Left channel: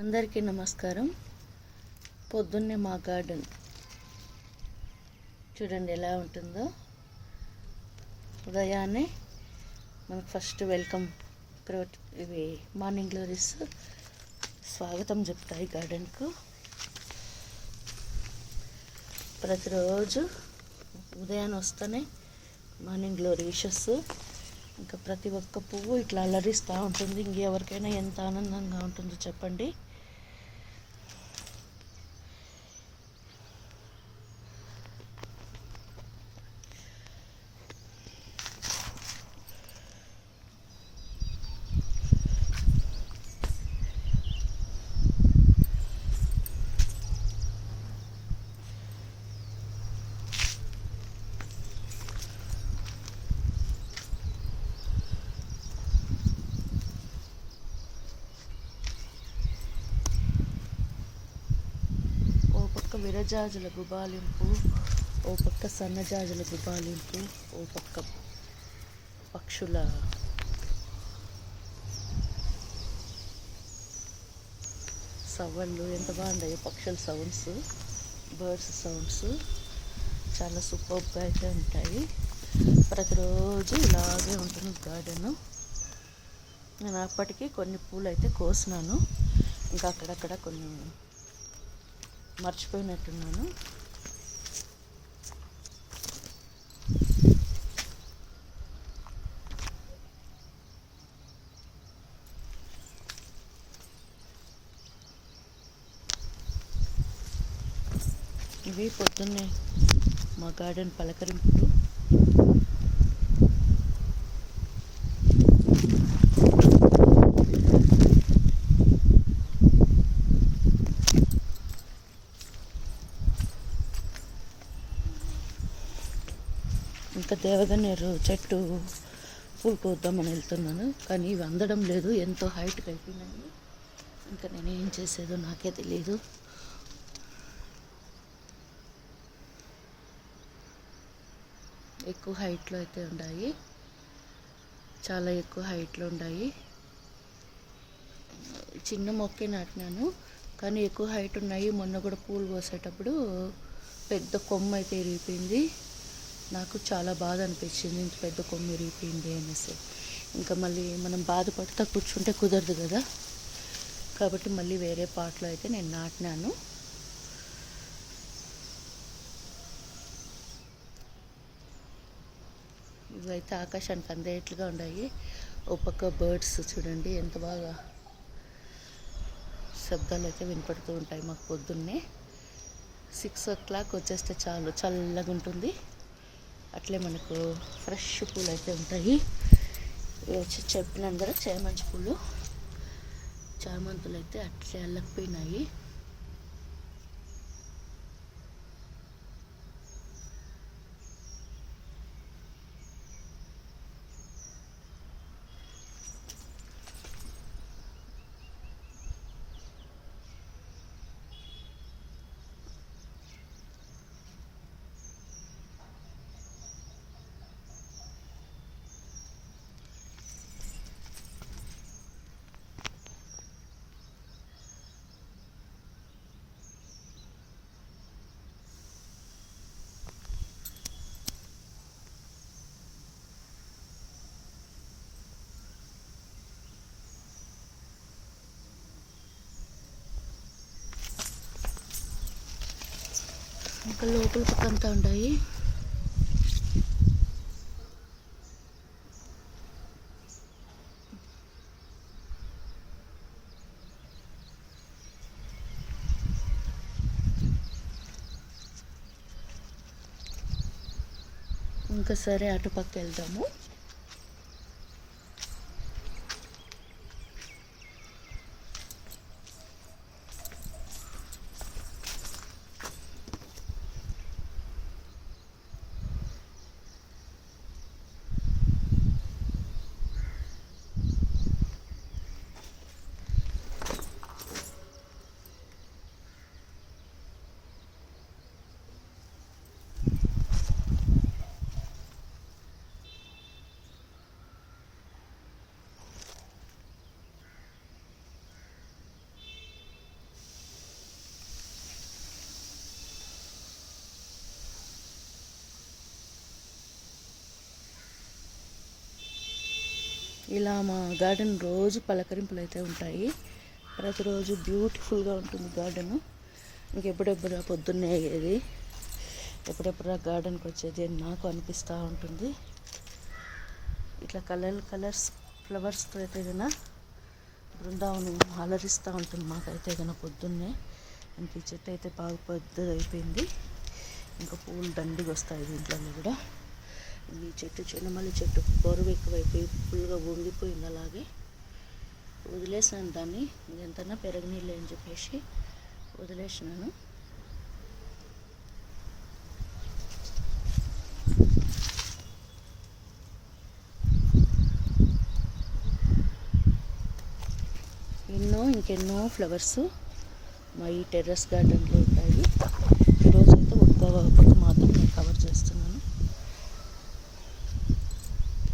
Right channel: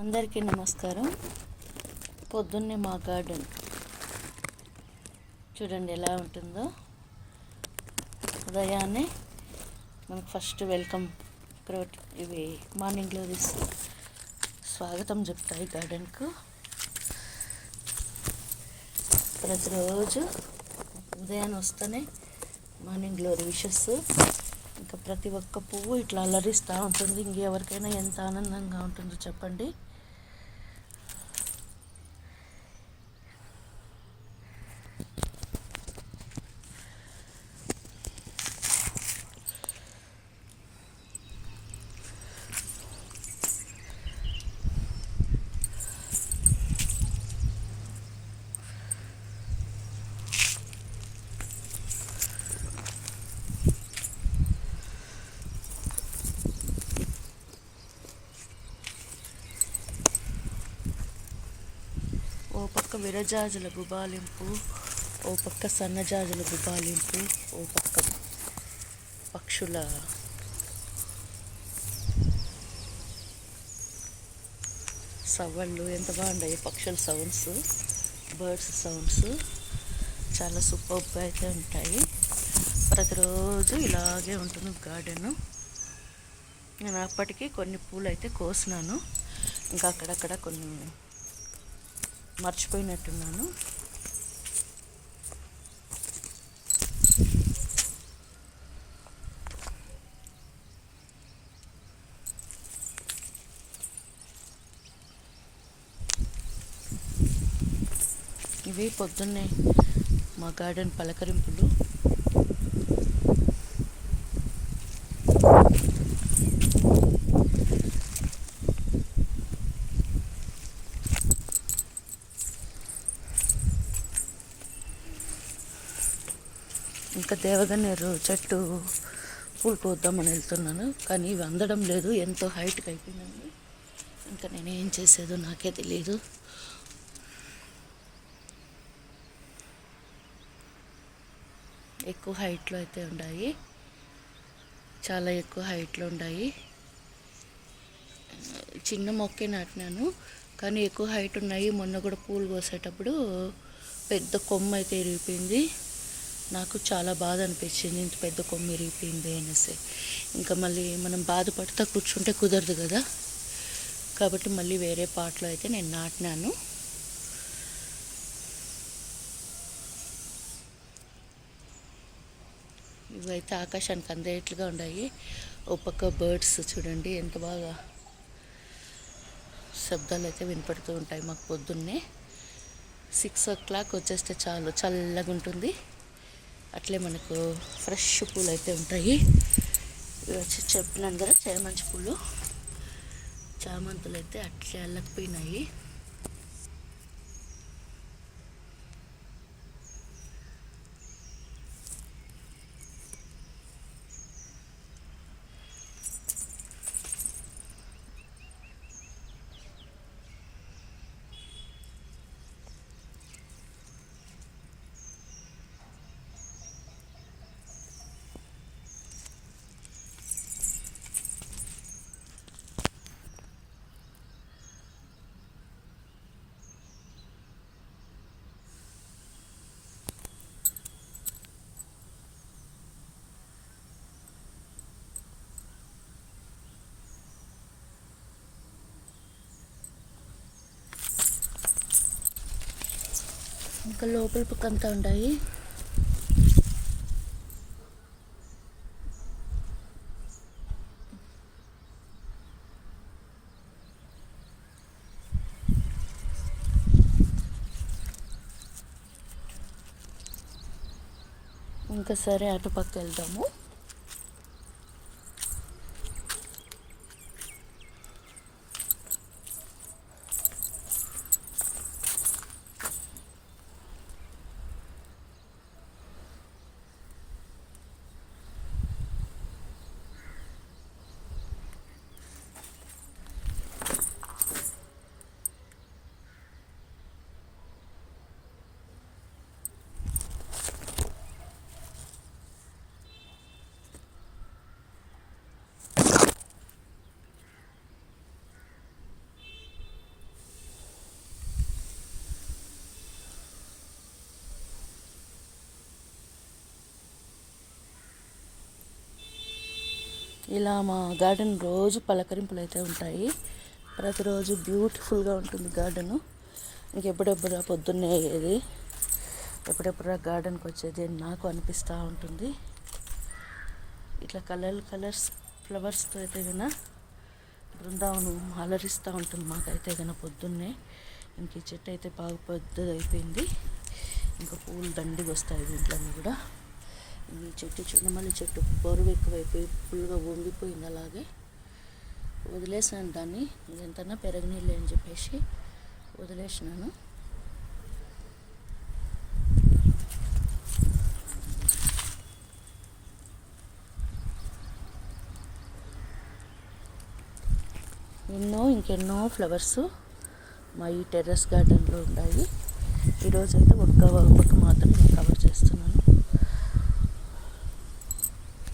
అందరికీ నమస్కారం. పొద్దున్నే మా గార్డెన్ చూడండి ఎలా ఉంటుందో. ఉదయాన్నే మనకు ఫస్ట్ వెల్కమ్ ఇవి మార్నింగ్ గ్లోరీస్ స్వాగతం చెప్తాయి గార్డెన్కు. ప్రతిరోజు ఉదయాన్నే వస్తేనే మార్నింగ్ గ్లోరీ విషెస్. ఇంకా ప్రతి ఒక్క పువ్వు ఇట్లా అలరిస్తూ ఉంటుంది. ఇంకెవరికైనా ఎంత ఆనందంగా ఉంటుందో చెప్పండి. ఓ పక్క విరజాజుల గుబాలింపు, ఓ పక్క సన్నజాజుల గుబాలింపు, ఓ పక్క పక్షుల సవ్వళ్ళు ఎంత బాగుంటాయి. పక్షుల సౌండ్స్, బర్డ్స్ సౌండ్స్ చాలా సూపర్గా అయితే ఉంటాయి. ప్రతిరోజు ఇలాగే ఉంటుంది గార్డెను. నేను అప్పటికి కొన్ని పూలు అయితే కోసినాను, ఇంకా అక్కడక్కడ కొన్ని మర్చిపోయినట్టున్నాను. ఇవి పొద్దున్నే మా గార్డెన్ పలకరింపులు. ఇంకా దేవగన్నేరు చెట్టు పూలు కోద్దామని వెళ్తున్నాను, కానీ ఇవి అందడం లేదు. ఎంతో హైట్కి అయిపోయినాయి. ఇంకా నేనేం చేసేదో నాకే తెలియదు. ఎక్కువ హైట్లో అయితే ఉన్నాయి, చాలా ఎక్కువ హైట్లో ఉన్నాయి. చిన్న మొక్కే నాటినాను, కానీ ఎక్కువ హైట్ ఉన్నాయి. మొన్న కూడా పూలు కోసేటప్పుడు పెద్ద కొమ్మ అయితే ఇరిగిపోయింది. నాకు చాలా బాధ అనిపించింది, ఇంత పెద్ద కొమ్మ ఇరిగిపోయింది అనేసి. ఇంకా మళ్ళీ మనం బాధపడుతూ కూర్చుంటే కుదరదు కదా, కాబట్టి మళ్ళీ వేరే పాట్లో అయితే నేను నాటినాను. ఇవైతే ఆకాశానికి అందేట్లుగా ఉన్నాయి. ఓ పక్క బర్డ్స్ చూడండి ఎంత బాగా శబ్దాలు అయితే వినపడుతూ ఉంటాయి మాకు. పొద్దున్నే 6 o'clock వచ్చేస్తే చాలు, చల్లగా ఉంటుంది. అట్లే మనకు ఫ్రెష్ పూలు అయితే ఉంటాయి. వచ్చి చెప్పినాను కదా, చేమంతి పూలు, చామంతులు అయితే అట్లే అల్లకపోయినాయి. ఇంకా లోపల పక్కంతా ఉన్నాయి. ఇంకా సరే అటుపక్క వెళ్దాము. ఇలా మా గార్డెన్ రోజు పలకరింపులు అయితే ఉంటాయి. ప్రతిరోజు బ్యూటిఫుల్గా ఉంటుంది గార్డెను. ఇంకెప్పుడెప్పుడు పొద్దున్నే అయ్యేది, ఎప్పుడెప్పుడు గార్డెన్కి వచ్చేది అని నాకు అనిపిస్తూ ఉంటుంది. ఇట్లా కలర్స్ ఫ్లవర్స్తో అయితే కన్నా బృందావనం అలరిస్తూ ఉంటుంది మాకైతే కన్నా పొద్దున్నే. ఇంక ఈ చెట్టు అయితే బాగా పెద్దది అయిపోయింది, ఇంకా పూలు దండిగా వస్తాయి దీంట్లో కూడా. ఈ చెట్టు చిన్నమల్లి చెట్టు బరువు ఎక్కువైపోయి ఫుల్గా వంగిపోయింది. అలాగే వదిలేసినాను దాన్ని, ఇదంతా పెరగనీళ్ళు అని చెప్పేసి వదిలేసినాను. ఇంకెన్నో ఫ్లవర్స్ మా ఈ టెర్రస్ గార్డెన్లో ఉంటాయి. ఈరోజు అయితే ఒక